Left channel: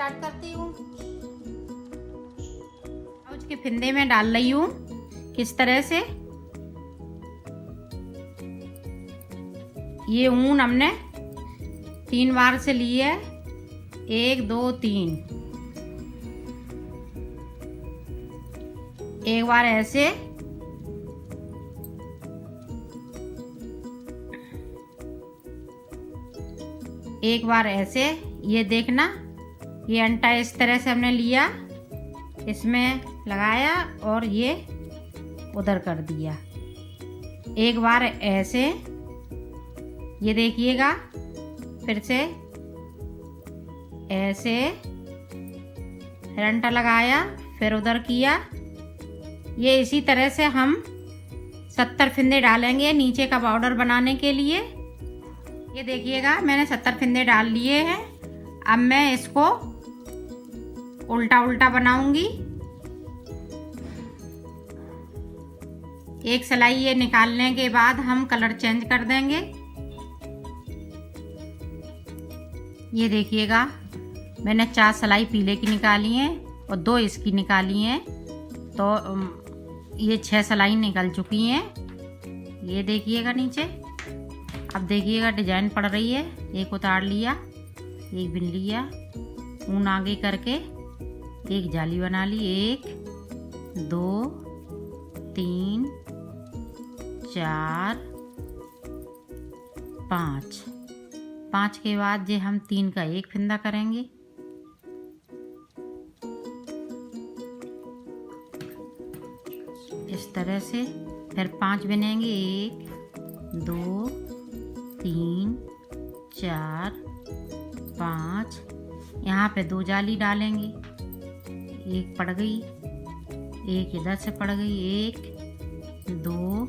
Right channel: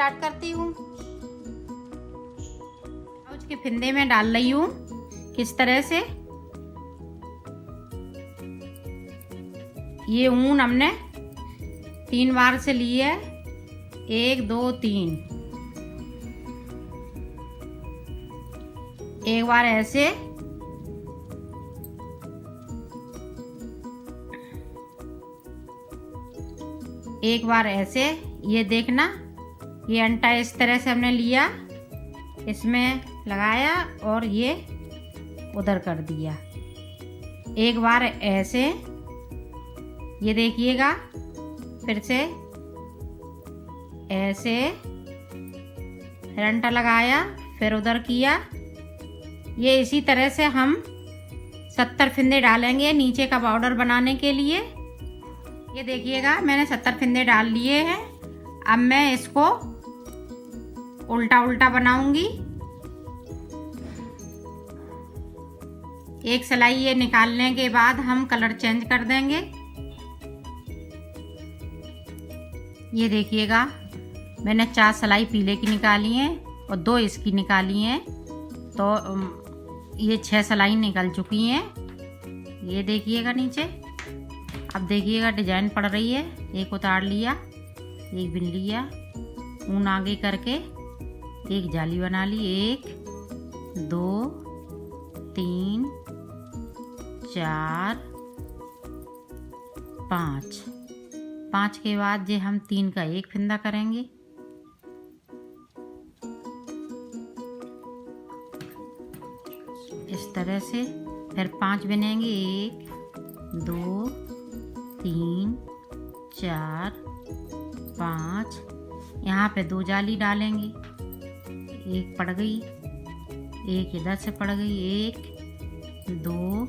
Start करती हूँ। Blouse के फिंदे में डाल रही हूँ किस तरह से। ये ऊन हमने 3 बार से ली है, 1 2 3। एक बार ऐसे, एक बार ऐसे। ये देखना, ये अंटा इस तरह से हमने लिया, इसमें लगाया और ये उधर कर दिया। एक बार ऐसे, ये देखिएगा, फिर से ऐसे, फिर अंटा लगाया, फिर उधर किया। ये इसी तरह से हम 70 फिंदे डालेंगे नीचे का बॉर्डर बनाने के लिए। ये देखिएगा, मैंने 70 फिंदे डाल लिए हैं। अब मैं इसको उल्टा उल्टा बनाऊंगी। एक सिलाई ये निकालने के बाद हम कलर चेंज कर देंगे। ये देखिएगा, मैंने 4 सिलाई पीले की निकाली हैं और 2 इसकी निकाली हैं, तो ये 6 सिलाई निकल चुकी हैं। ये देखिएगा नीचे। अब देखिएगा डिजाइन पड़ रही है। एक उतार लिया, एक बिन लिया, ऊन आगे करके एक जाली बना ली। 1 2 3 4 5। 5 के बाद ये हम 3 का एक फंदा करेंगे। इस तरह से फिर 5 बनेंगे। 1 2 3 4 5। यहाँ पे 2 जाली डालेंगे। एक पड़ गई, एक इधर से पड़ गई। 1 2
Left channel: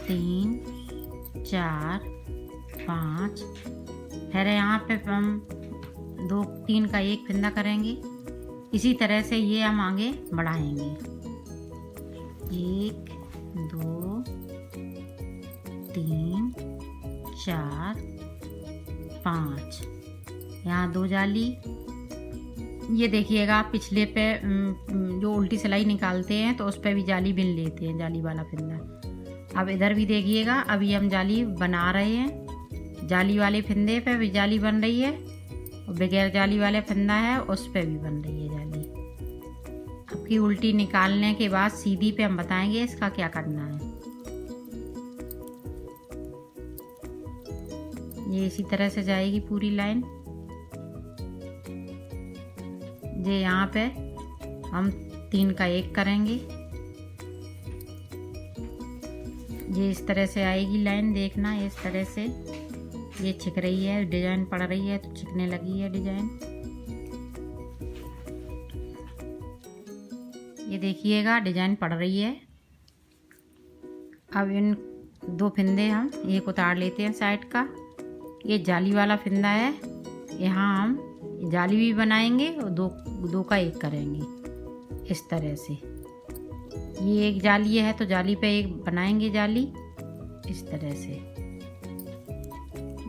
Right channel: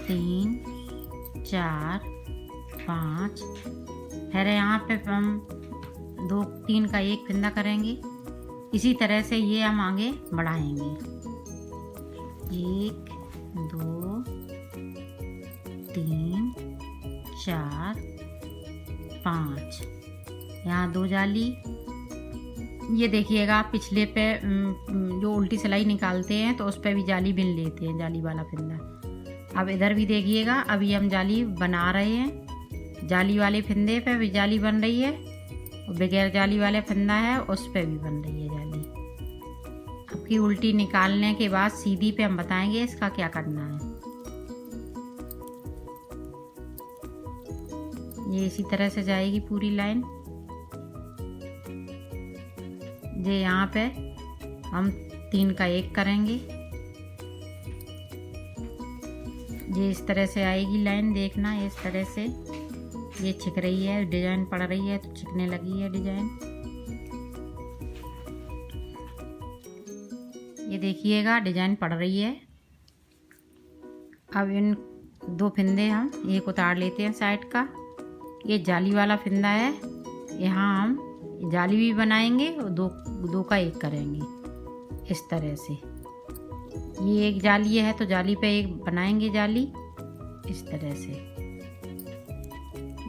3 4 5। फिर यहाँ पे हम 2 3 का एक फंदा करेंगे। इसी तरह से ये हम आगे बढ़ाएंगे। 1 2 3 4 5। यहाँ 2 जाली। ये देखिएगा, पिछले पे जो उल्टी सिलाई निकालते हैं तो उस पे भी जाली बिन लेते हैं, जाली वाला फंदा। अब इधर भी देखिएगा, अभी हम जाली बना रहे हैं। जाली वाले फंदे पे भी जाली बन रही है और बगैर जाली वाले फंदा है उस पे भी बन रही है जाली। अब की उल्टी निकालने के बाद सीधी पे हम बताएंगे इसका क्या करना है। ये इसी तरह से जाएगी पूरी लाइन। ये यहाँ पे हम 3 का एक करेंगे। ये इस तरह से आएगी लाइन। देखना, इस तरह से ये छिक रही है, डिजाइन पड़ रही है तो छिकने लगी है डिजाइन। ये देखिएगा, डिजाइन पड़ रही है। अब इन 2 फिंदे हम एक उतार लेते हैं साइड का। ये जाली वाला फंदा है, यहाँ हम जाली भी बनाएंगे और 2 का एक करेंगे इस तरह से। ये एक जाली है तो जाली पे एक बनाएंगे जाली इस तरह से।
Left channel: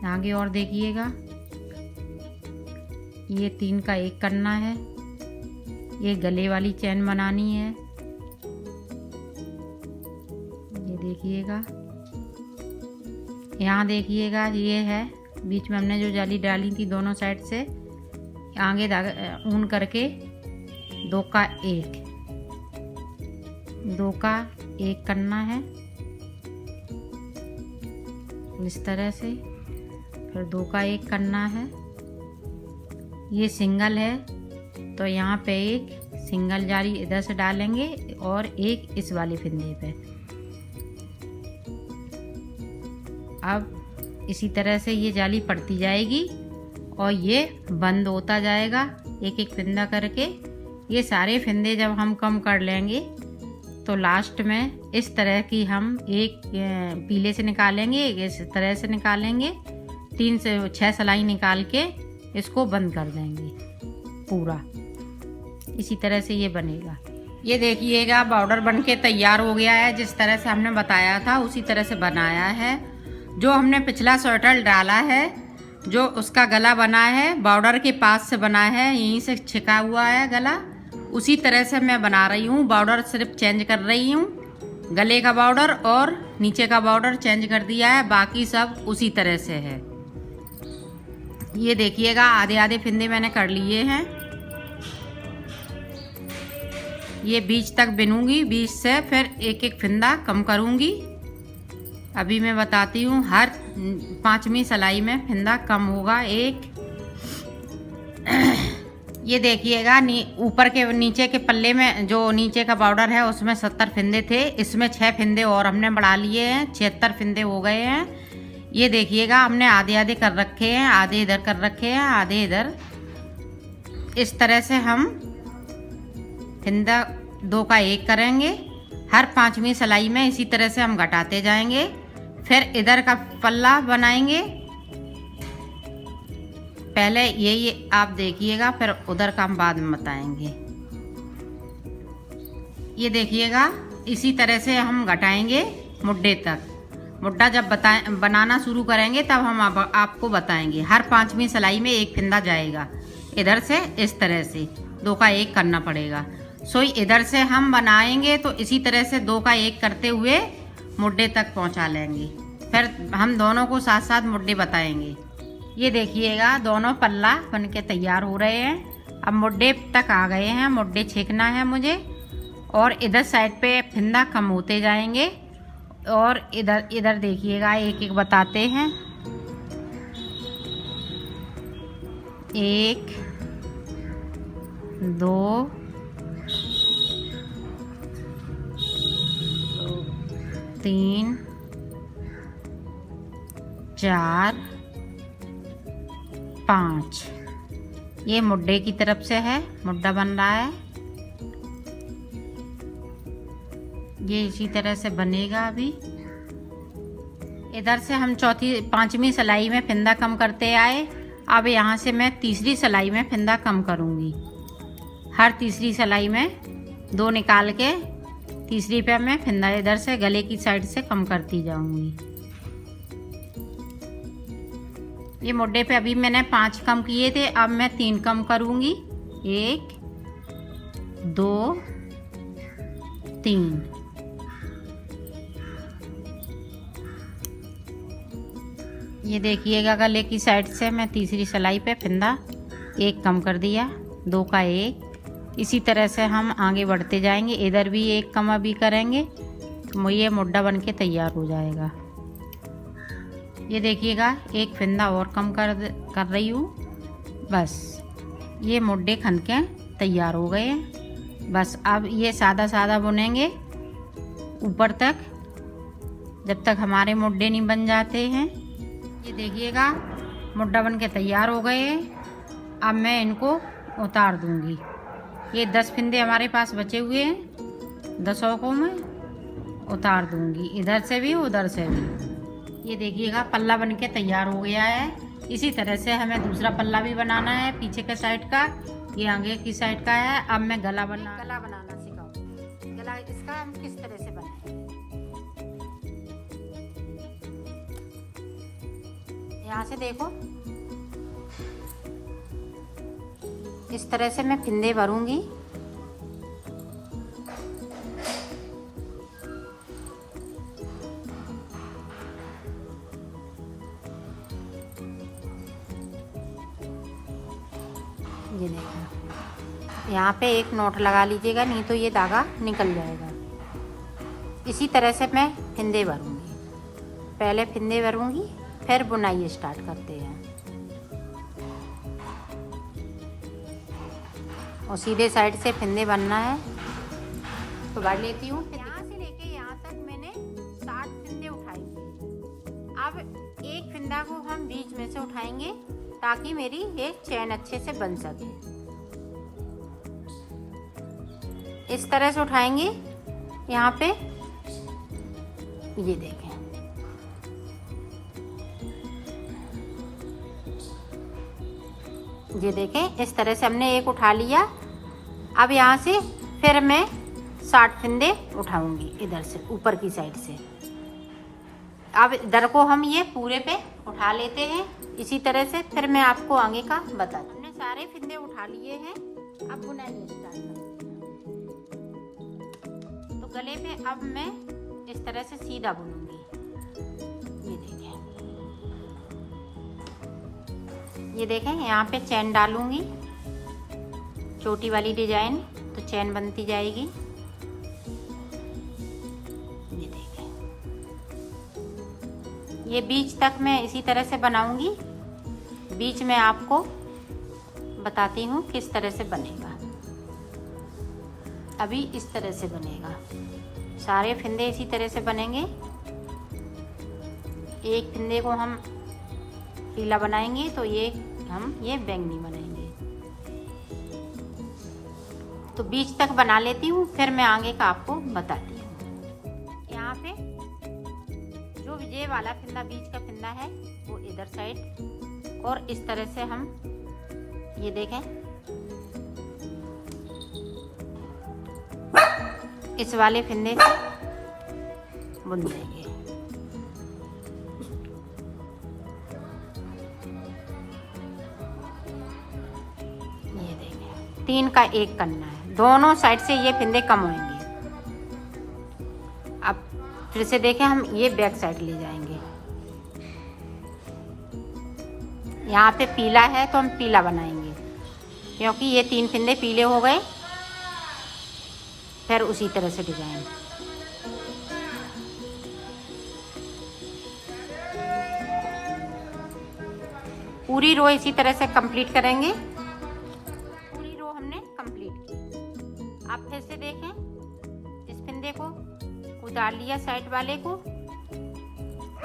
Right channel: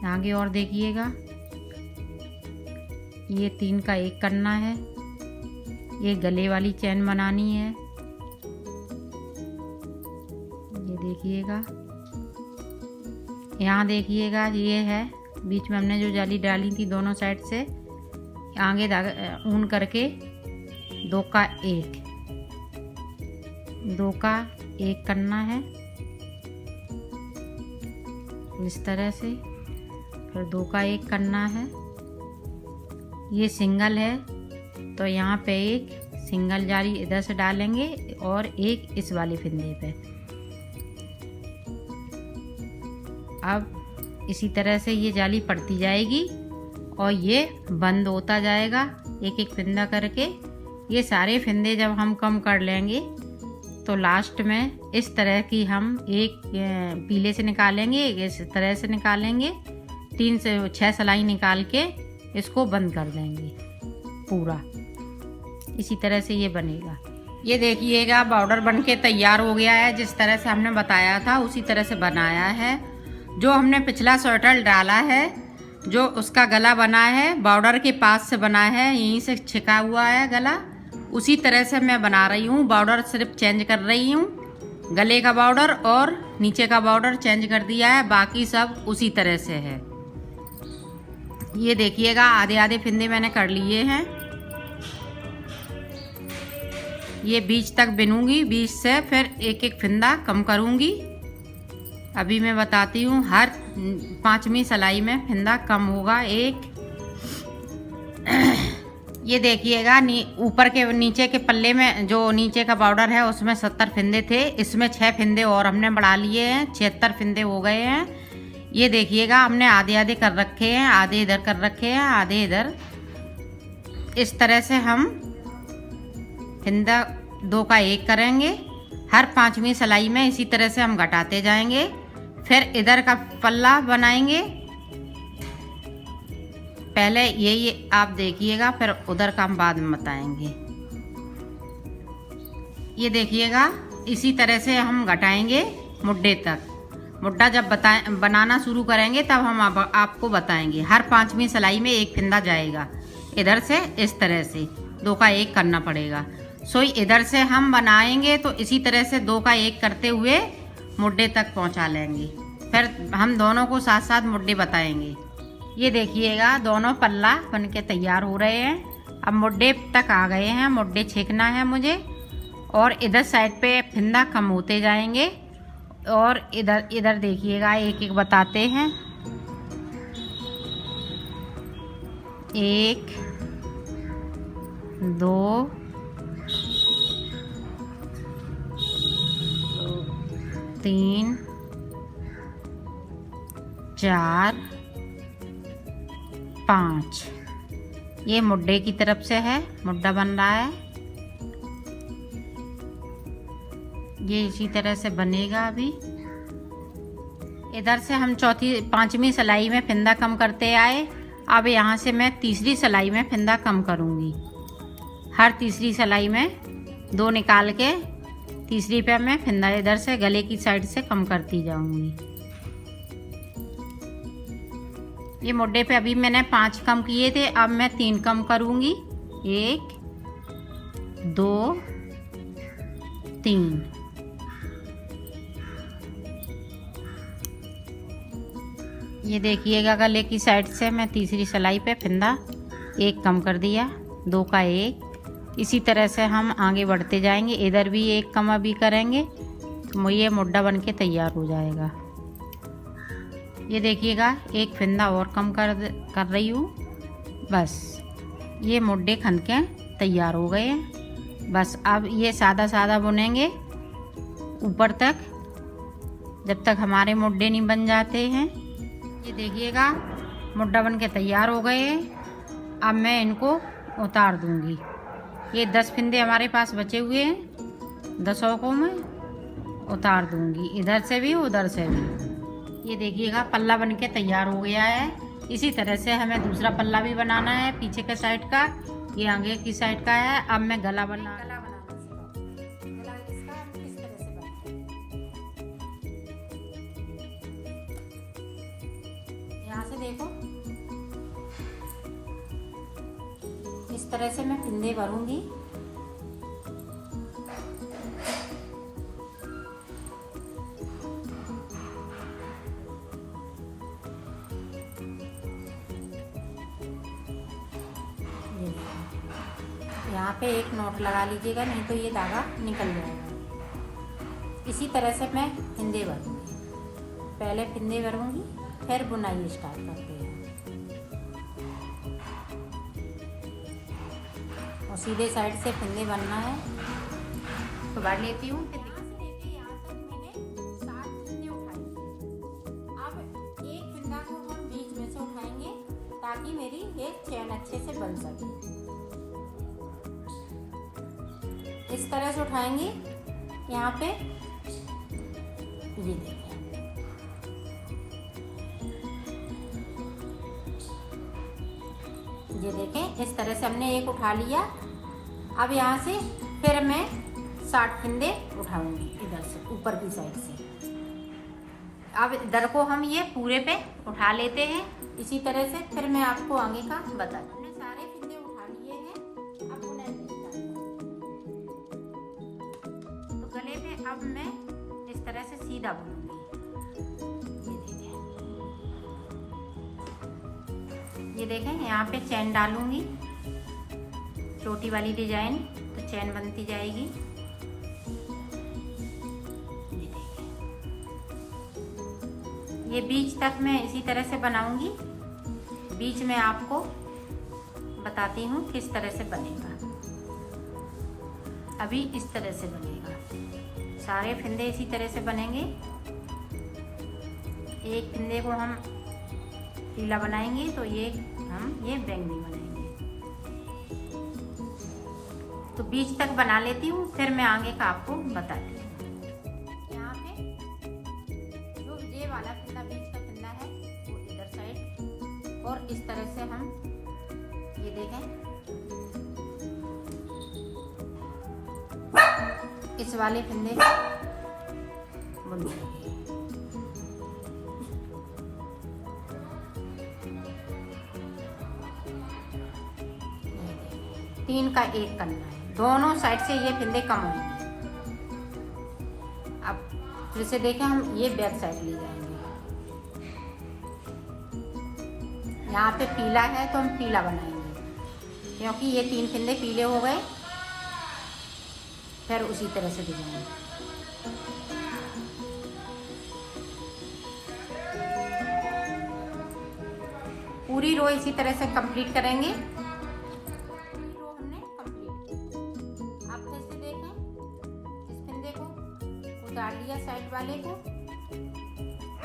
आगे और देखिएगा, ये 3 का एक करना है। ये गले वाली चैन बनानी है। ये देखिएगा, यहाँ देखिएगा, ये है बीच में हमने जो जाली डाली थी दोनों साइड से। आगे ऊन करके 2 का एक, 2 का एक करना है इस तरह से। फिर 2 का एक करना है। ये सिंगल है तो यहाँ पे एक सिंगल जाली इधर से डालेंगे और एक इस वाले फंदे पे। अब इसी तरह से ये जाली पड़ती जाएगी और ये बंद होता जाएगा एक एक फंदा करके। ये सारे फंदे जब हम कम कर लेंगे तो लास्ट में इस तरह की हम एक पीले से निकालेंगे, एक इस तरह से निकालेंगे। 3 से 6 सिलाई निकाल के इसको बंद कर देंगे पूरा। इसी तरह से ये बनेगा। ये देखिएगा, बॉर्डर बनके तैयार हो गया है। जिस तरह से हमने बताया था उसी तरह से बनाया है। जो हमने पिछला स्वेटर डाला है जो उसका गला बना है बॉर्डर के पास से बना है, यहीं से छिका हुआ है गला, उसी तरह से मैं बना रही हूँ। बॉर्डर सिर्फ चेंज कर रही हूँ, गले का बॉर्डर और नीचे का बॉर्डर चेंज कर दिया है, बाकी सब उसी तरह से है। ये देखिएगा आधे आधे फिंदे मैंने कर लिए हैं। ये बीच तक बिनूंगी, बीच से फिर एक एक फिंदा कम करूंगी। अभी मैं बताती हूँ, हर 5वीं सिलाई में फिंदा कम होगा एक। ये देखिएगा ऊपर के नीचे के पल्ले में जो नीचे का बॉर्डर है उसमें 70 फिंदे थे, इसमें 6 फिंदे और हमने बढ़ा लिए हैं, 76 फिंदे हो गए हैं। ये देखिएगा हमने आधे आधे कर रखे हैं, आधे इधर कर रखे हैं, आधे इधर। इस तरह से हम फिंदा 2 का 1 करेंगे। हर 5वीं सिलाई में इसी तरह से हम घटाते जाएंगे। फिर इधर का पल्ला बनाएंगे, पहले ये आप देखिएगा, फिर उधर का हम बाद में बताएंगे। ये देखिएगा इसी तरह से हम घटाएंगे मुड्ढे तक। मुड्ढा जब बनाना शुरू करेंगे तब हम आपको बताएंगे। हर 5वीं सिलाई में एक फिंदा जाएगा इधर से, इस तरह से 2 का 1 करना पड़ेगा। सोई इधर से हम बनाएंगे तो इसी तरह से 2 का 1 करते हुए मुड्ढे तक पहुंचा लेंगे। फिर हम दोनों को साथ साथ मुड्ढे बताएंगे। ये देखिएगा दोनों पल्ला बन के तैयार हो रहे हैं। अब मुड्ढे तक आ गए हैं, मुड्ढे छेकना है मुझे, और इधर साइड पे फिंदा कम होते जाएंगे। और इधर इधर देखिएगा एक एक बताते हैं। 1 2 3 4 5। ये मुड्ढे की तरफ से है, मुड्ढा बन रहा है। ये इसी तरह से बनेगा। अभी इधर से हम 5वीं सिलाई में फिंदा कम करते आए। अब यहाँ से मैं 3री सिलाई में फिंदा कम करूँगी। हर 3री सिलाई में 2 निकाल के 3री पे मैं फिंदा इधर से गले की साइड से कम करती जाऊँगी। ये मुड्ढे पे अभी मैंने 5 कम किए थे, अब मैं 3 कम करूँगी। 1 2 3। ये देखिएगा गले की साइड से मैं 3री सिलाई पे फिंदा 1 कम कर दिया, 2 का 1। इसी तरह से हम आगे बढ़ते जाएंगे। इधर भी 1 कम अभी करेंगे तो ये मुड्ढा बन के तैयार हो जाएगा। ये देखिएगा एक फिंदा और कम कर रही हूँ। बस ये मुड्ढे खन के तैयार हो गए हैं। बस अब ये सादा सादा बुनेंगे ऊपर तक, जब तक हमारे मुड्ढे नहीं बन जाते हैं। ये देखिएगा मुड्ढा बन के तैयार हो गए हैं। अब मैं इनको उतार दूंगी। ये 10 फिंदे हमारे पास बचे हुए हैं, 10 को मैं उतार दूंगी, इधर से भी उधर से भी। ये देखिएगा पल्ला बन के तैयार हो गया है। इसी तरह से हमें दूसरा पल्ला भी बनाना है, पीछे के साइड का, ये आगे की साइड का है। अब मैं गला बनाना सिखाऊंगी। गला इसका हम किस तरह से बनाएंगे। यहाँ से देखो, इस तरह से मैं फिंदे भरूंगी। यहाँ पे एक नोट लगा लीजिएगा, नहीं तो ये धागा निकल जाएगा। इसी तरह से मैं फिंदे भरूंगी। पहले फिंदे भरूंगी, फिर बुनाई स्टार्ट करते हैं। और सीधे साइड से फिंदे बनना है तो भर लेती हूँ। यहाँ से लेके यहाँ तक मैंने 60 फिंदे उठाए। अब एक फिंदा को हम बीच में से उठाएंगे ताकि मेरी एक चैन अच्छे से बन सके। इस तरह से उठाएंगे। यहाँ पे ये देखें, ये देखें, इस तरह से हमने एक उठा लिया। अब यहाँ से फिर मैं 60 फिंदे उठाऊंगी इधर से, ऊपर की साइड से। अब इधर को हम ये पूरे पे उठा लेते हैं इसी तरह से, फिर मैं आपको आगे का बता दूँ। हमने सारे फिंदे उठा लिए हैं, अब बुनाई स्टार्ट। तो गले में अब मैं इस तरह से सीधा बुनूंगी। ये देखें, यहाँ पे चैन डालूंगी, छोटी वाली डिजाइन, तो चैन बनती जाएगी। ये बीच तक मैं इसी तरह से बनाऊंगी। बीच में आपको बताती हूँ किस तरह से बनेगा। अभी इस तरह से बनेगा, सारे फिंदे इसी तरह से बनेंगे। एक फिंदे को हम पीला बनाएंगे तो ये बैंगनी बनेंगे। तो बीच तक बना लेती हूँ, फिर मैं आगे का आपको बताती हूँ। यहाँ पे जो ये वाला फिंदा, बीच का फिंदा है, वो इधर साइड, और इस तरह से हम ये देखें, इस वाले फिंदे से बुन देंगे। ये देखें, 3 का 1 करना है, दोनों साइड से ये फिंदे कम होंगे। अब फिर से देखें, हम ये बैक साइड ले जाएंगे। यहाँ पे पीला है तो हम पीला बनाएंगे, क्योंकि ये 3 फिंदे पीले हो गए। फिर उसी तरह से डिजाइन, पूरी रो इसी तरह से कंप्लीट करेंगे। पूरी रो हमने कंप्लीट की। आप फिर से देखें, इस फिंदे को उतार लिया साइड वाले को।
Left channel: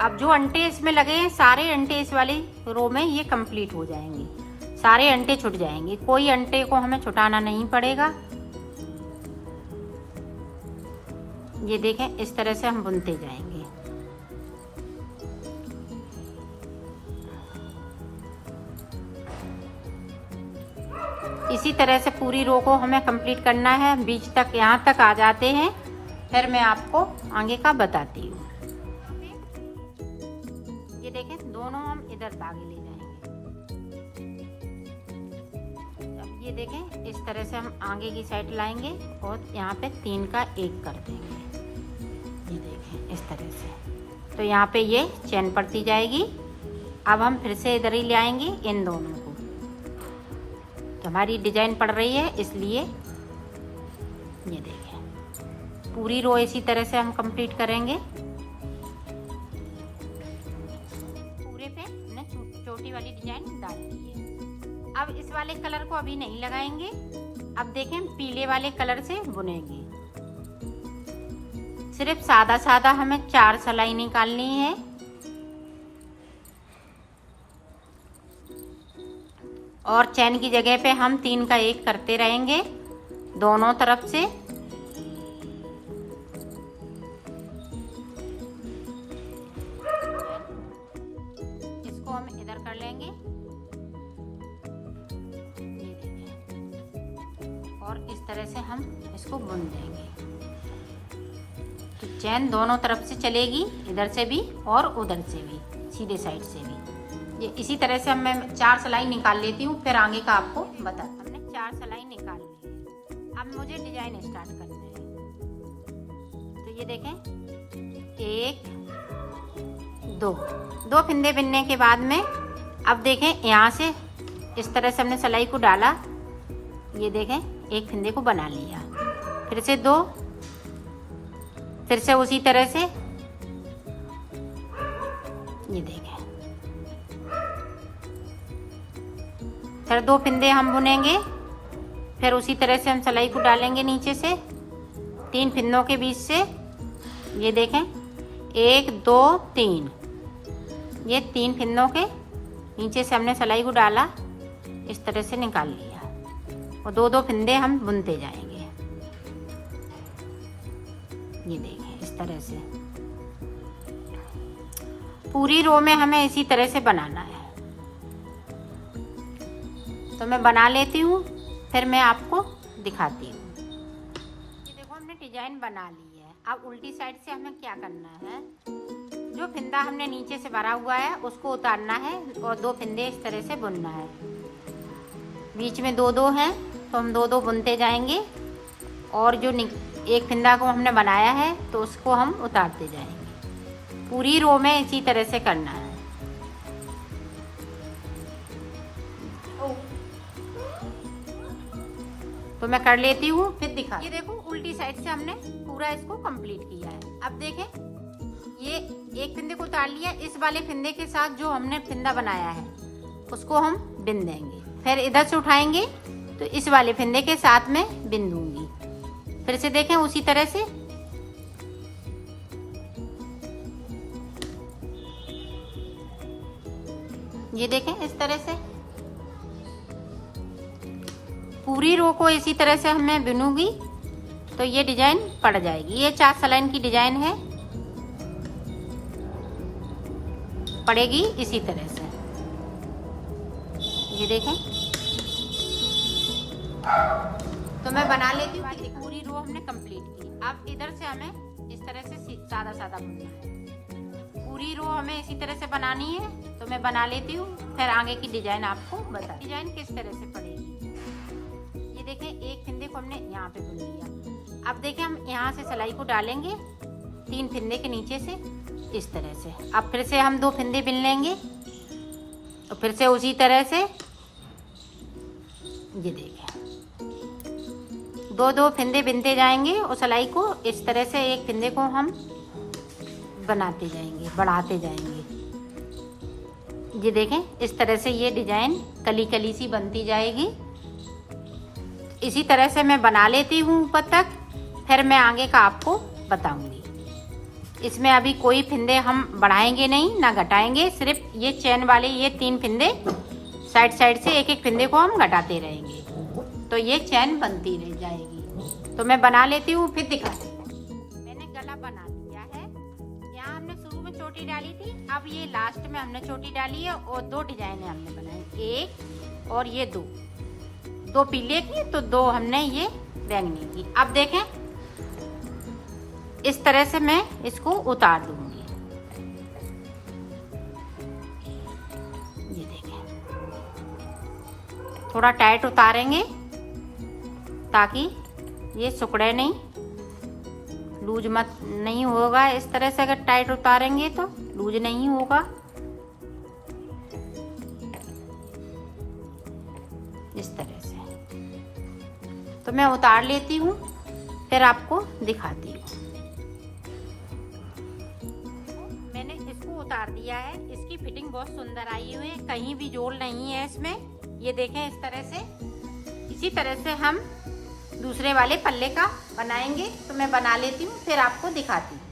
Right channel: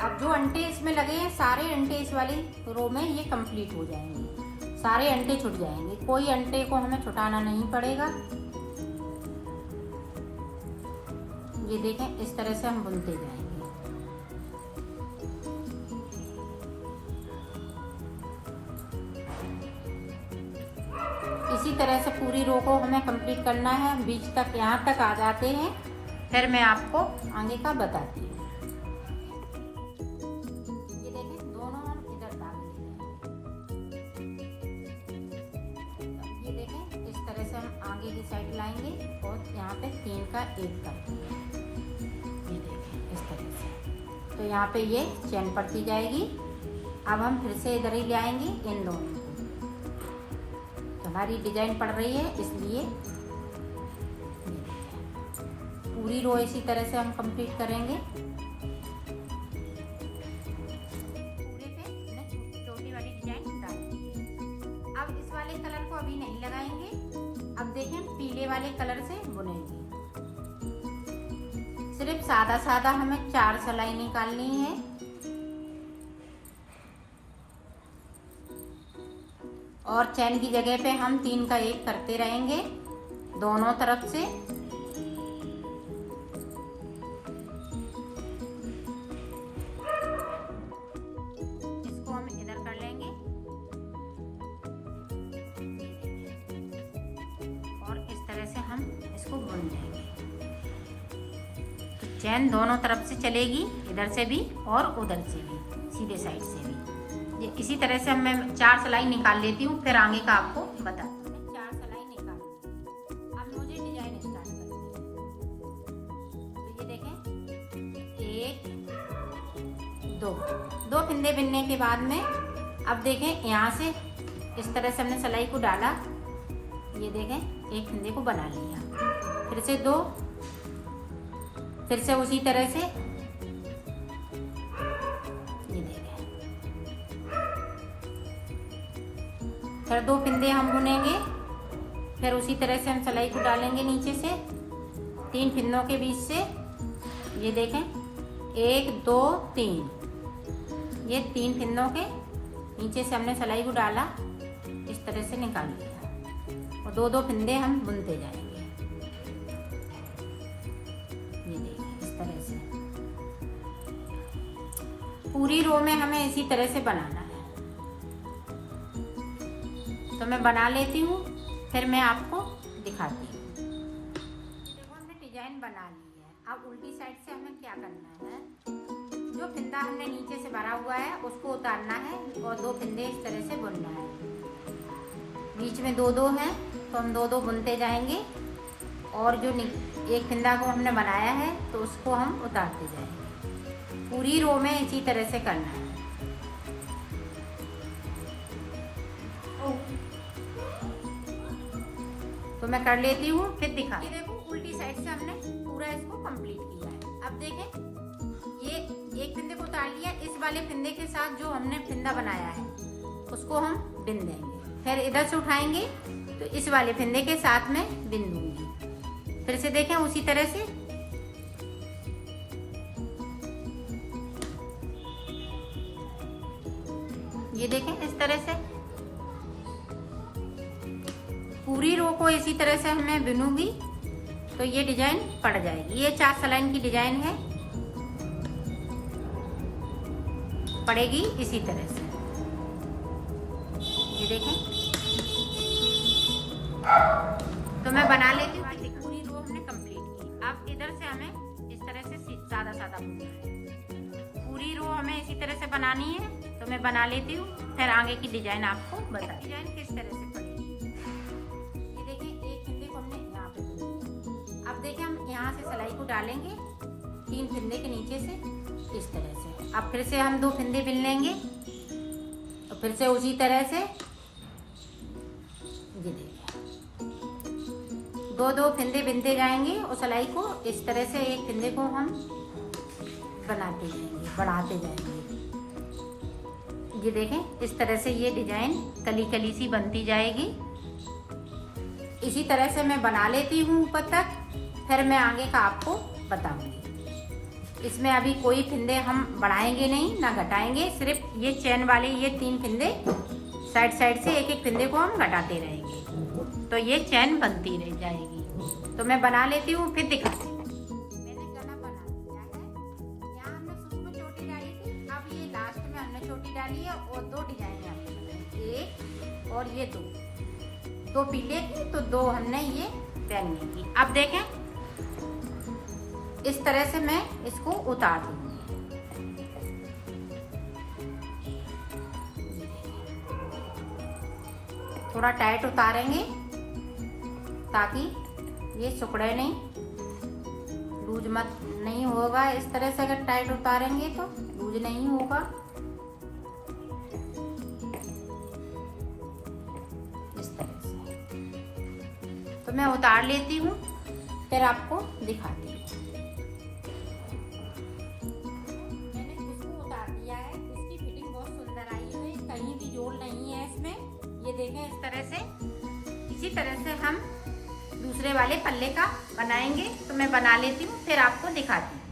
अब जो अंटे इसमें लगे हैं, सारे अंटे इस वाली रो में ये कंप्लीट हो जाएंगे, सारे अंटे छूट जाएंगे, कोई अंटे को हमें छुटाना नहीं पड़ेगा। ये देखें, इस तरह से हम बुनते जाएंगे। इसी तरह से पूरी रो को हमें कंप्लीट करना है। बीच तक, यहाँ तक आ जाते हैं, फिर मैं आपको आगे का बताती हूँ। ये देखें, दोनों हम इधर धागे ले जाएंगे। ये देखें, इस तरह से हम आगे की साइड लाएंगे और यहाँ पे 3 का 1 कर देंगे। ये देखें, इस तरह से, तो यहाँ पे ये चैन पड़ती जाएगी। अब हम फिर से इधर ही ले आएंगे इन दोनों को। हमारी डिजाइन पड़ रही है, इसलिए ये देखें, पूरी रो इसी तरह से हम कंप्लीट करेंगे। पूरे पे हमने छोटी वाली डिजाइन डाल दी है। अब इस वाले कलर को अभी नहीं लगाएंगे। अब देखें, पीले वाले कलर से बुनेंगे। सिर्फ सादा सादा हमें 4 सिलाई निकालनी है। और चैन की जगह पे हम 3 का 1 करते रहेंगे दोनों तरफ से। इसको हम इधर कर लेंगे और इस तरह से हम इसको बुन देंगे। तो चैन दोनों तरफ से चलेगी, इधर से भी और उधर से भी, सीधे साइड से भी। ये इसी तरह से मैं 4 सिलाई निकाल लेती हूँ, फिर आगे का आपको बता। हमने 4 सिलाई निकाल ली। अब मुझे डिजाइन स्टार्ट करनी है। तो ये देखें, 1 2 फिंदे बिनने के बाद में, अब देखें, यहाँ से इस तरह से हमने सिलाई को डाला। ये देखें, 1 फिंदे को बना लिया, फिर से 2, फिर से उसी तरह से। ये देखें, फिर 2 फिंदे हम बुनेंगे, फिर उसी तरह से हम सिलाई को डालेंगे नीचे से 3 फिंदों के बीच से। ये देखें, 1 2 3, ये 3 फिंदों के नीचे से हमने सिलाई को डाला, इस तरह से निकाल लिया और 2 फिंदे हम बुनते जाएंगे। ये देखें, इस तरह से पूरी रो में हमें इसी तरह से बनाना है। तो मैं बना लेती हूँ, फिर मैं आपको दिखाती हूँ। देखो, हमने डिजाइन बना ली है। अब उल्टी साइड से हमें क्या करना है, जो फिंदा हमने नीचे से भरा हुआ है उसको उतारना है और 2 फिंदे इस तरह से बुनना है। बीच में 2-2 हैं तो हम 2-2 बुनते जाएंगे और जो एक फिंदा को हमने बनाया है तो उसको हम उतारते जाएंगे। पूरी रो में इसी तरह से करना है। तो मैं कर लेती हूँ, फिर दिखा। ये देखो उल्टी साइड से हमने पूरा इसको कंप्लीट किया है। अब देखें, ये एक फिंदे को उतार लिया, इस वाले फिंदे के साथ जो हमने फिंदा बनाया है उसको हम बिन देंगे। फिर इधर से उठाएंगे तो इस वाले फिंदे के साथ में बिन दूंगी। फिर से देखें उसी तरह से। ये देखें इस तरह से पूरी रो को इसी तरह से मैं बिनूंगी तो ये डिजाइन पड़ जाएगी। ये 4 सलाइन की डिजाइन है, पड़ेगी इसी तरह से। ये देखें, तो मैं बना लेती हूँ। पूरी रो हमने कंप्लीट की। अब इधर से हमें इस तरह से सादा सादा बुनना है। पूरी रो हमें इसी तरह से बनानी है, तो मैं बना लेती हूँ। फिर आगे की डिजाइन आपको बता, डिजाइन किस तरह से पड़ेगी। ये देखें, एक फिंदे को हमने यहाँ पे बुन लिया। अब देखें, हम यहाँ से सिलाई को डालेंगे 3 फिंदे के नीचे से इस तरह से। अब फिर से हम 2 फिंदे बिन लेंगे और फिर से उसी तरह से ये देखें 2-2 फिंदे बिनते जाएंगे और सिलाई को इस तरह से एक फिंदे को हम बनाते जाएंगे, बढ़ाते जाएंगे। ये देखें, इस तरह से ये डिजाइन कली कली सी बनती जाएगी। इसी तरह से मैं बना लेती हूँ ऊपर तक, फिर मैं आगे का आपको बताऊंगी। इसमें अभी कोई फिंदे हम बढ़ाएंगे नहीं ना घटाएंगे, सिर्फ ये चैन वाले ये 3 फिंदे साइड साइड से एक एक फिंदे को हम घटाते रहेंगे, तो ये चैन बनती रह जाएगी। तो मैं बना लेती हूँ, फिर दिखाती हूँ। मैंने गला बना लिया है। यहाँ हमने शुरू में चोटी डाली थी, अब ये लास्ट में हमने चोटी डाली है और 2 डिजाइन हमने बनाई, एक और ये 2 पीले की, तो 2 हमने ये बैंगनी की। अब देखें, इस तरह से मैं इसको उतार दूंगी। ये देखें, थोड़ा टाइट उतारेंगे ताकि ये सिकुड़े नहीं, लूज मत नहीं होगा। इस तरह से अगर टाइट उतारेंगे तो लूज नहीं होगा। इस तरह से तो मैं उतार लेती हूँ, फिर आपको दिखाती हूँ। मैंने इसको उतार दिया है, इसकी फिटिंग बहुत सुंदर आई हुई है, कहीं भी जोड़ नहीं है इसमें। ये देखें इस तरह से। इसी तरह से हम दूसरे वाले पल्ले का बनाएंगे, तो मैं बना लेती हूँ, फिर आपको दिखाती हूँ।